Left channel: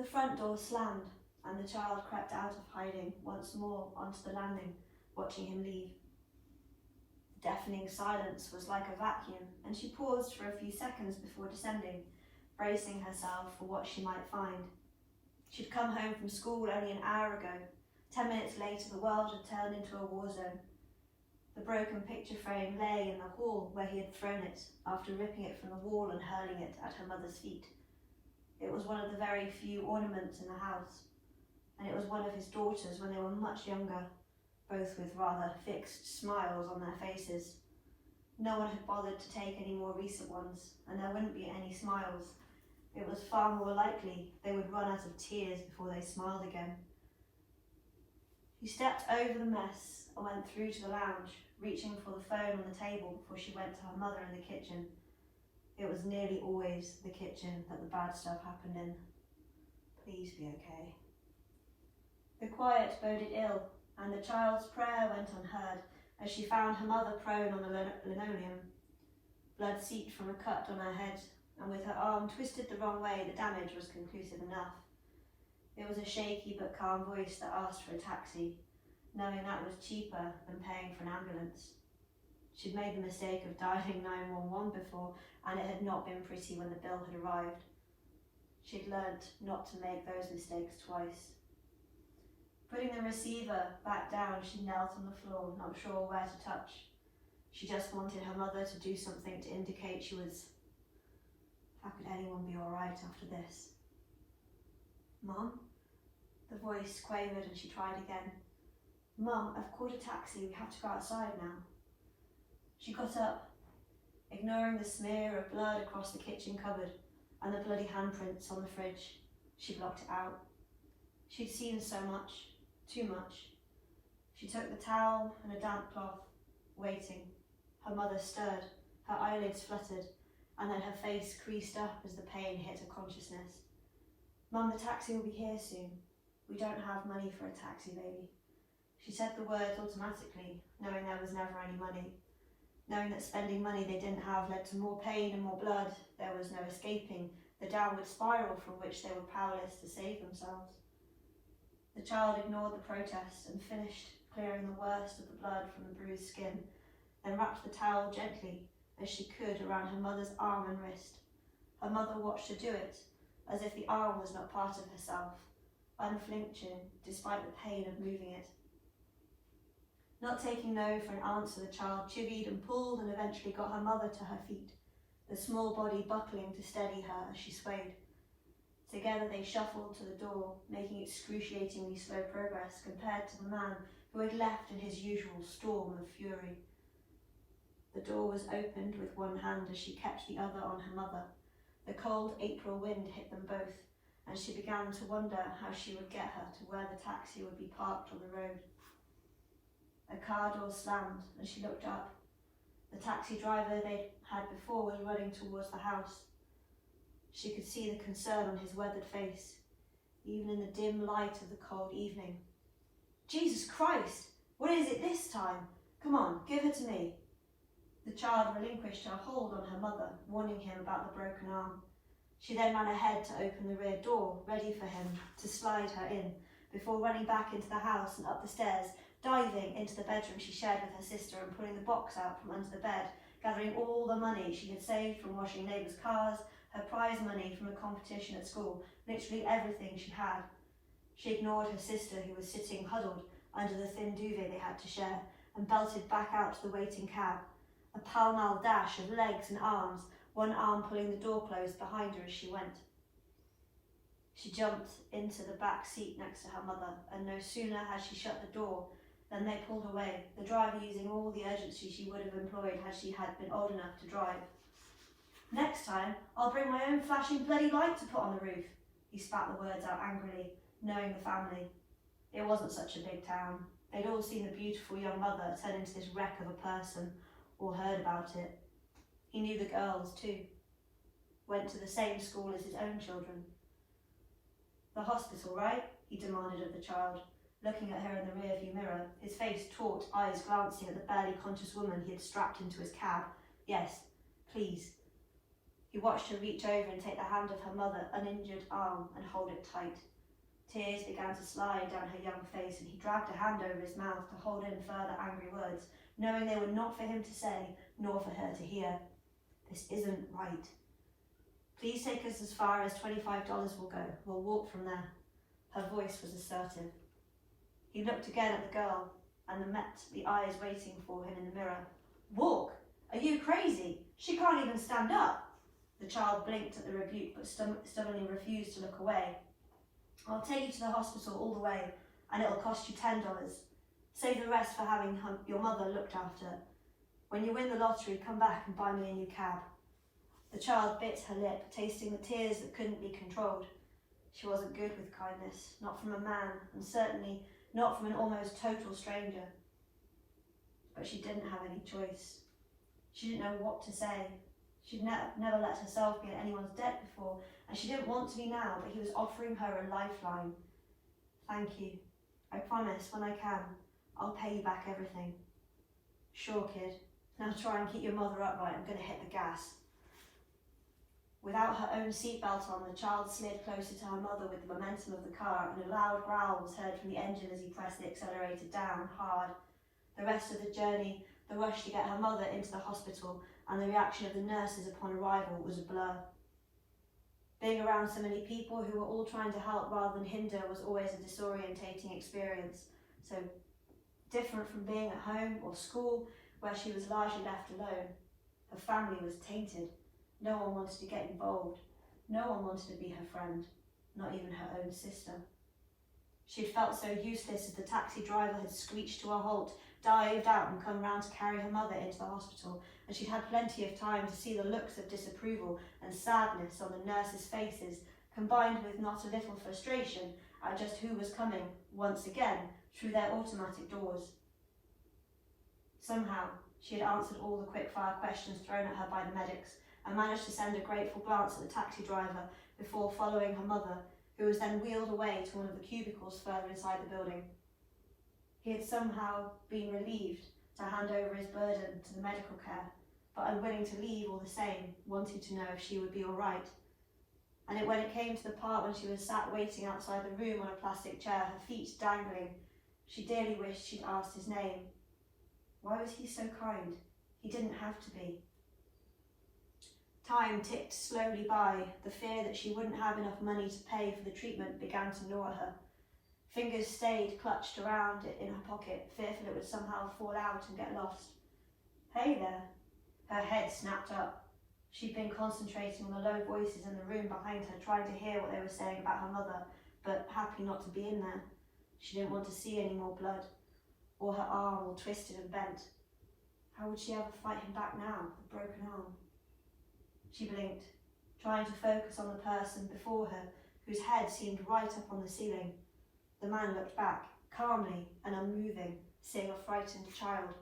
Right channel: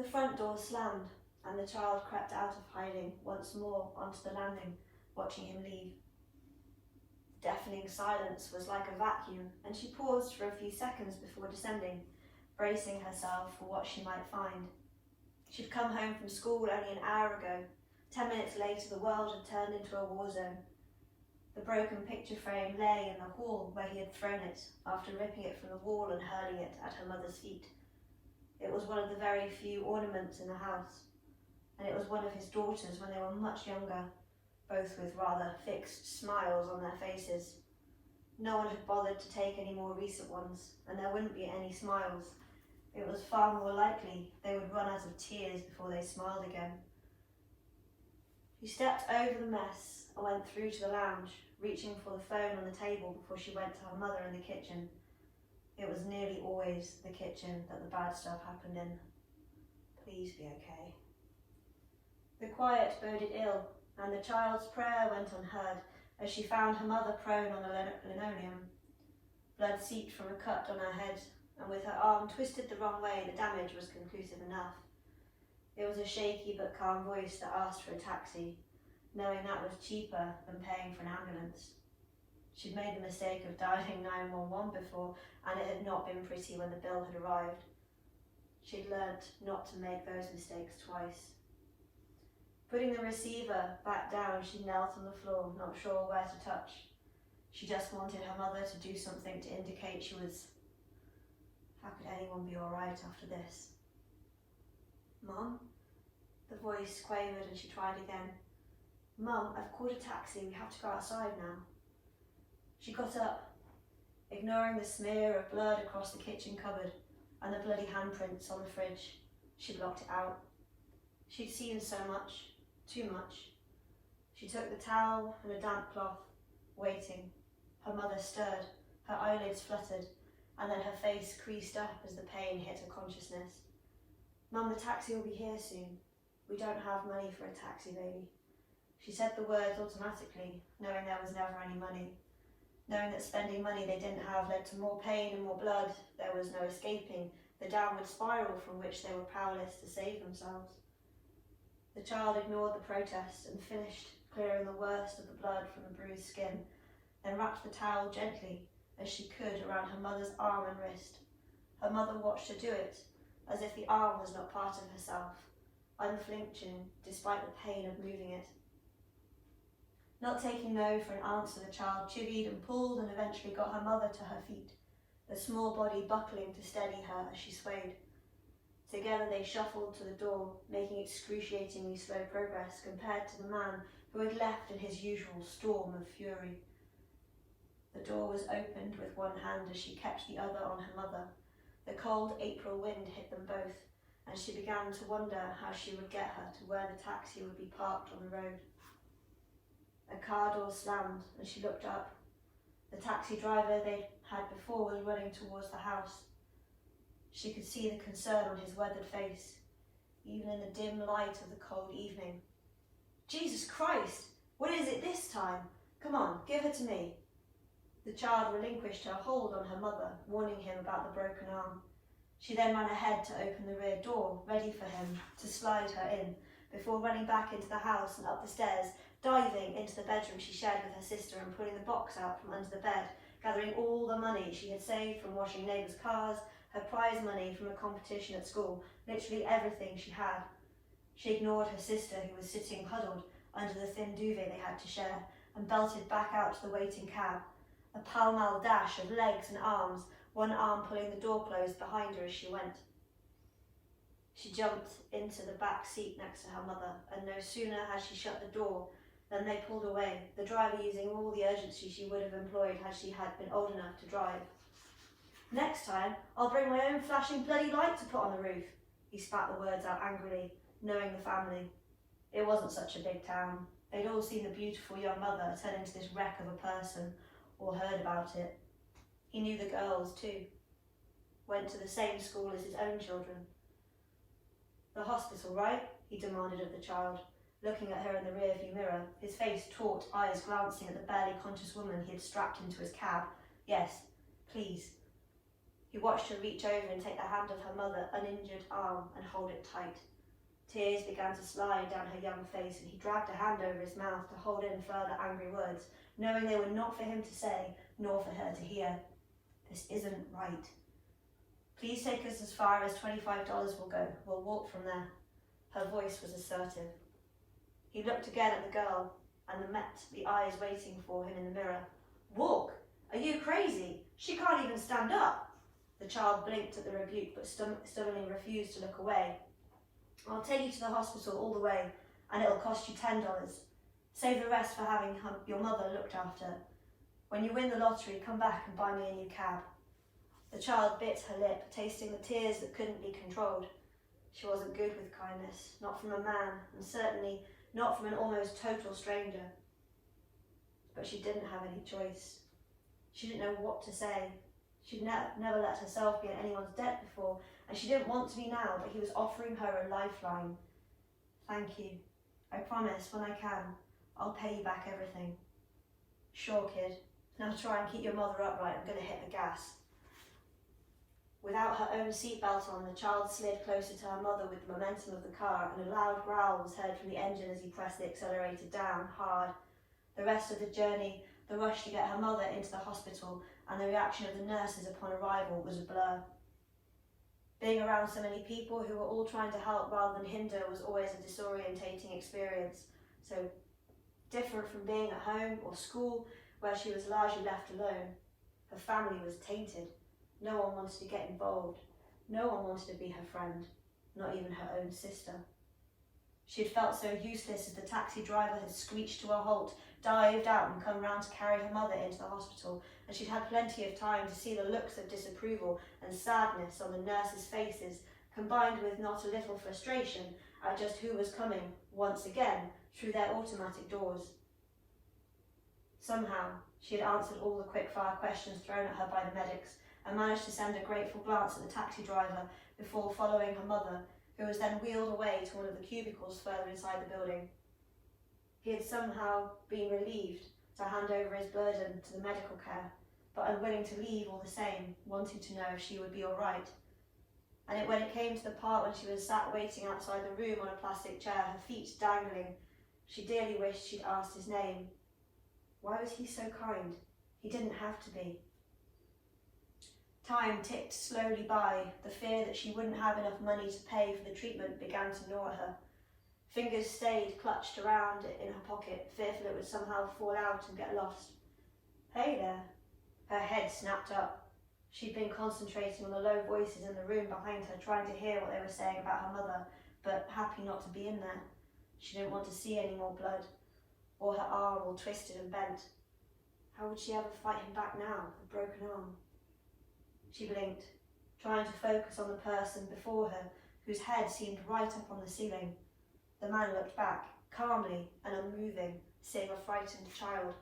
The front door slammed, and the child crept out of hiding once more onto the landing, watching him leave. The deafening silence was like a vacuum, and she paused for a few seconds before descending, bracing herself for what she might find. She'd come home from school only an hour ago. 10 minutes later, the world had turned into a war zone. The broken picture frame lay in the hall where he had thrown it, after ripping it from the wall and hurling it at her mother's feet. It was one of the very few ornaments in the house, and it was one of his daughters when they were much younger, both with rather fixed smiles on their faces. No one had bothered to take any more recent ones, and there wouldn't be any smiles. It was far more likely they would run out of tears before they smiled again. She stepped over the mess and went through to the lounge, reaching for the phone on the table before she went to her mother in the kitchen. It was nearly always the kitchen that the bad stuff happened in. Please be okay. The quiet boded ill, and the child's prayer went unheard as she found her mother prone on the linoleum. Blood seeped from a cut on her head, and with her arm twisted the wrong way, the damage was conclusive enough. It was a shaky but calm voice that asked for a taxi, knowing that was cheaper than paying for an ambulance. She'd made the mistake of dialing 911 before, and it had not been pretty when the bill had arrived. She'd learnt not to make those mistakes twice. Putting the receiver back down, she knelt on the floor, not sure where to touch. She just wanted her mother to do something to indicate she was... How could anyone be all right after this? Mum? The voice quavered and she tried again. Mum, I've called a taxi. We have to go outside now. She got up, ignoring the smear of blood across the kitchen cupboard and the bloody handprints on the fridge. She blocked it out. She'd seen so much, too much. She took the towel and a damp cloth, waiting. Her mother stirred, her eyelids fluttered, and then her face creased up as the pain hit her consciousness. Mum, the taxi will be here soon. We don't have money for a taxi, baby. She said the words automatically, knowing there was never any money. Knowing that spending money they didn't have led to more pain and more blood, there was no escaping the downward spiral from which they were powerless to save themselves. The child ignored the protest and finished clearing the worst of the blood from the bruised skin, then wrapped the towel gently as she could around her mother's arm and wrist. Her mother watched her do it, as if the arm was not part of herself, unflinching despite the pain of moving it. Not taking no for an answer, the child chivied and pulled and eventually got her mother to her feet, the small body buckling to steady her as she swayed. Together they shuffled to the door, making excruciatingly slow progress compared to the man who had left in his usual storm of fury. The door was opened with one hand as she kept the other on her mother. The cold April wind hit them both, and she began to wonder how she would get her to where the taxi would be parked on the road. A car door slammed and she looked up. The taxi driver they'd had before was running towards the house. She could see the concern on his weathered face, even in the dim light of the cold evening. Jesus Christ! What is it this time? Come on, give her to me. The child relinquished her hold on her mother, warning him about the broken arm. She then ran ahead to open the rear door, ready for him to slide her in, before running back into the house and up the stairs, diving into the bedroom she shared with her sister and pulling the box out from under the bed, gathering all the money she had saved from washing neighbours' cars, her prize money from a competition at school, literally everything she had. She ignored her sister, who was sitting huddled under the thin duvet they had to share, and belted back out to the waiting cab, a pell-mell dash of legs and arms, one arm pulling the door closed behind her as she went. She jumped into the back seat next to her mother, and no sooner had she shut the door than they pulled away, the driver using all the urgency she would have employed had she had been old enough to drive. Next time, I'll bring my own flashing bloody light to put on the roof. He spat the words out angrily, knowing the family. It wasn't such a big town. They'd all seen the beautiful young mother turn into this wreck of a person, or heard about it. He knew the girls too. Went to the same school as his own children. The hospital, right? He demanded of the child, looking at her in the rearview mirror, his face taut, eyes glancing at the barely conscious woman he had strapped into his cab. Yes, please. He watched her reach over and take the hand of her mother, uninjured arm, and hold it tight. Tears began to slide down her young face, and he dragged a hand over his mouth to hold in further angry words, knowing they were not for him to say, nor for her to hear. This isn't right. Please take us as far as $25 will go. We'll walk from there. Her voice was assertive. He looked again at the girl and met the eyes waiting for him in the mirror. Walk? Are you crazy? She can't even stand up. The child blinked at the rebuke but stubbornly refused to look away. I'll take you to the hospital all the way, and it'll cost you $10. Save the rest for having your mother looked after. When you win the lottery, come back and buy me a new cab. The child bit her lip, tasting the tears that couldn't be controlled. She wasn't good with kindness, not from a man, and certainly not from an almost total stranger. But she didn't have any choice. She didn't know what to say. She'd never let herself be in anyone's debt before, and she didn't want to be now, but he was offering her a lifeline. Thank you. I promise, when I can, I'll pay you back everything. Sure, kid. Now try and keep your mother upright. I'm going to hit the gas. Without her own seatbelt on, the child slid closer to her mother with the momentum of the car, and a loud growl was heard from the engine as he pressed the accelerator down hard. The rest of the journey, the rush to get her mother into the hospital, and the reaction of the nurses upon arrival was a blur. Being around so many people who were all trying to help rather than hinder was always a disorientating experience, so different from being at home or school, where she was largely left alone. Her family was tainted. No one wanted to get involved. No one wanted to be her friend, not even her own sister. She had felt so useless as the taxi driver had screeched to a halt, dived out and come round to carry her mother into the hospital, and she'd had plenty of time to see the looks of disapproval and sadness on the nurses' faces, combined with not a little frustration at just who was coming, once again, through their automatic doors. Somehow, she had answered all the quick-fire questions thrown at her by the medics, and managed to send a grateful glance at the taxi driver before following her mother, who was then wheeled away to one of the cubicles further inside the building. He had somehow been relieved to hand over his burden to the medical care, but unwilling to leave all the same, wanting to know if she would be all right. And when it came to the part when she was sat waiting outside the room on a plastic chair, her feet dangling, she dearly wished she'd asked his name. Why was he so kind? He didn't have to be. Time ticked slowly by. The fear that she wouldn't have enough money to pay for the treatment began to gnaw at her. Fingers stayed clutched around it in her pocket, fearful it would somehow fall out and get lost. Hey there. Her head snapped up. She'd been concentrating on the low voices in the room behind her, trying to hear what they were saying about her mother, but happy not to be in there. She didn't want to see any more blood, or her arm all twisted and bent. How would she ever fight him back now, a broken arm? She blinked, trying to focus on the person before her, whose head seemed right up on the ceiling. The man looked back, calmly and unmoving, seeing a frightened child.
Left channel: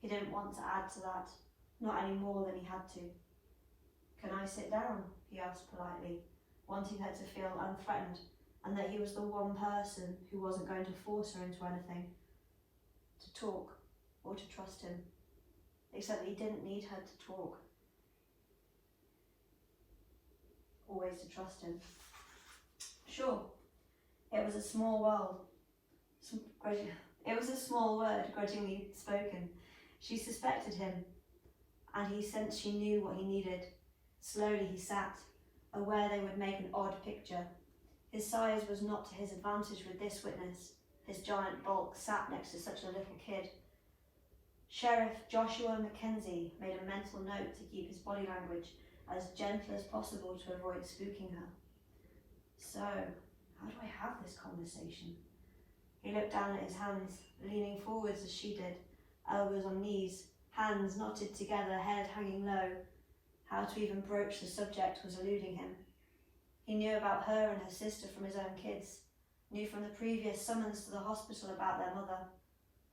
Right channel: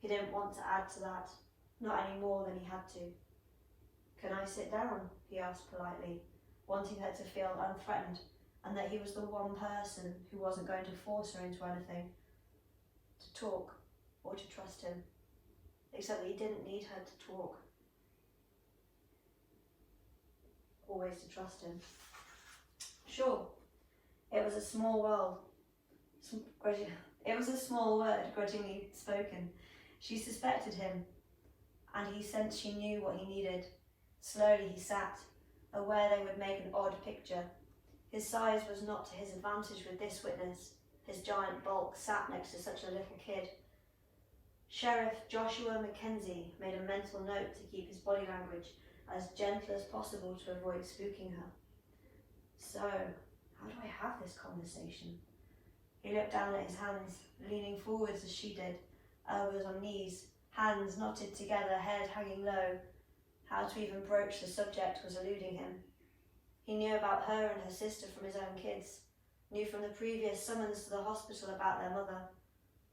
He didn't want to add to that, not any more than he had to. Can I sit down? He asked politely, wanting her to feel unthreatened, and that he was the one person who wasn't going to force her into anything, to talk or to trust him, except that he didn't need her to talk. Always to trust him. Sure, it was a small world. It was a small word, grudgingly spoken. She suspected him, and he sensed she knew what he needed. Slowly he sat, aware they would make an odd picture. His size was not to his advantage with this witness. His giant bulk sat next to such a little kid. Sheriff Joshua Mackenzie made a mental note to keep his body language as gentle as possible to avoid spooking her. So, how do I have this conversation? He looked down at his hands, leaning forwards as she did, elbows on knees, hands knotted together, head hanging low. How to even broach the subject was eluding him. He knew about her and her sister from his own kids, knew from the previous summons to the hospital about their mother,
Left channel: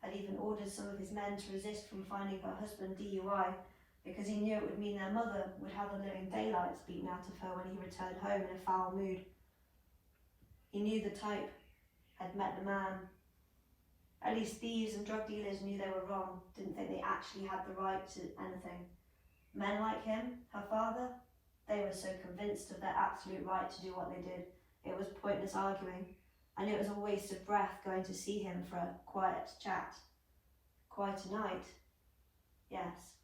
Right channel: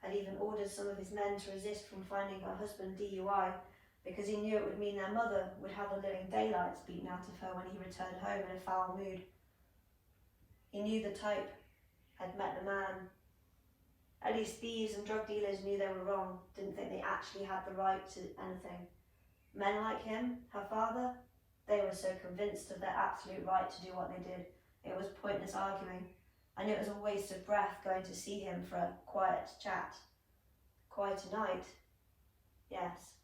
had even ordered some of his men to resist from finding her husband DUI, because he knew it would mean their mother would have the living daylights beaten out of her when he returned home in a foul mood. He knew the type, had met the man. At least thieves and drug dealers knew they were wrong, didn't think they actually had the right to anything. Men like him, her father, they were so convinced of their absolute right to do what they did. It was pointless arguing, and it was a waste of breath going to see him for a quiet chat. Quite a night. Yes,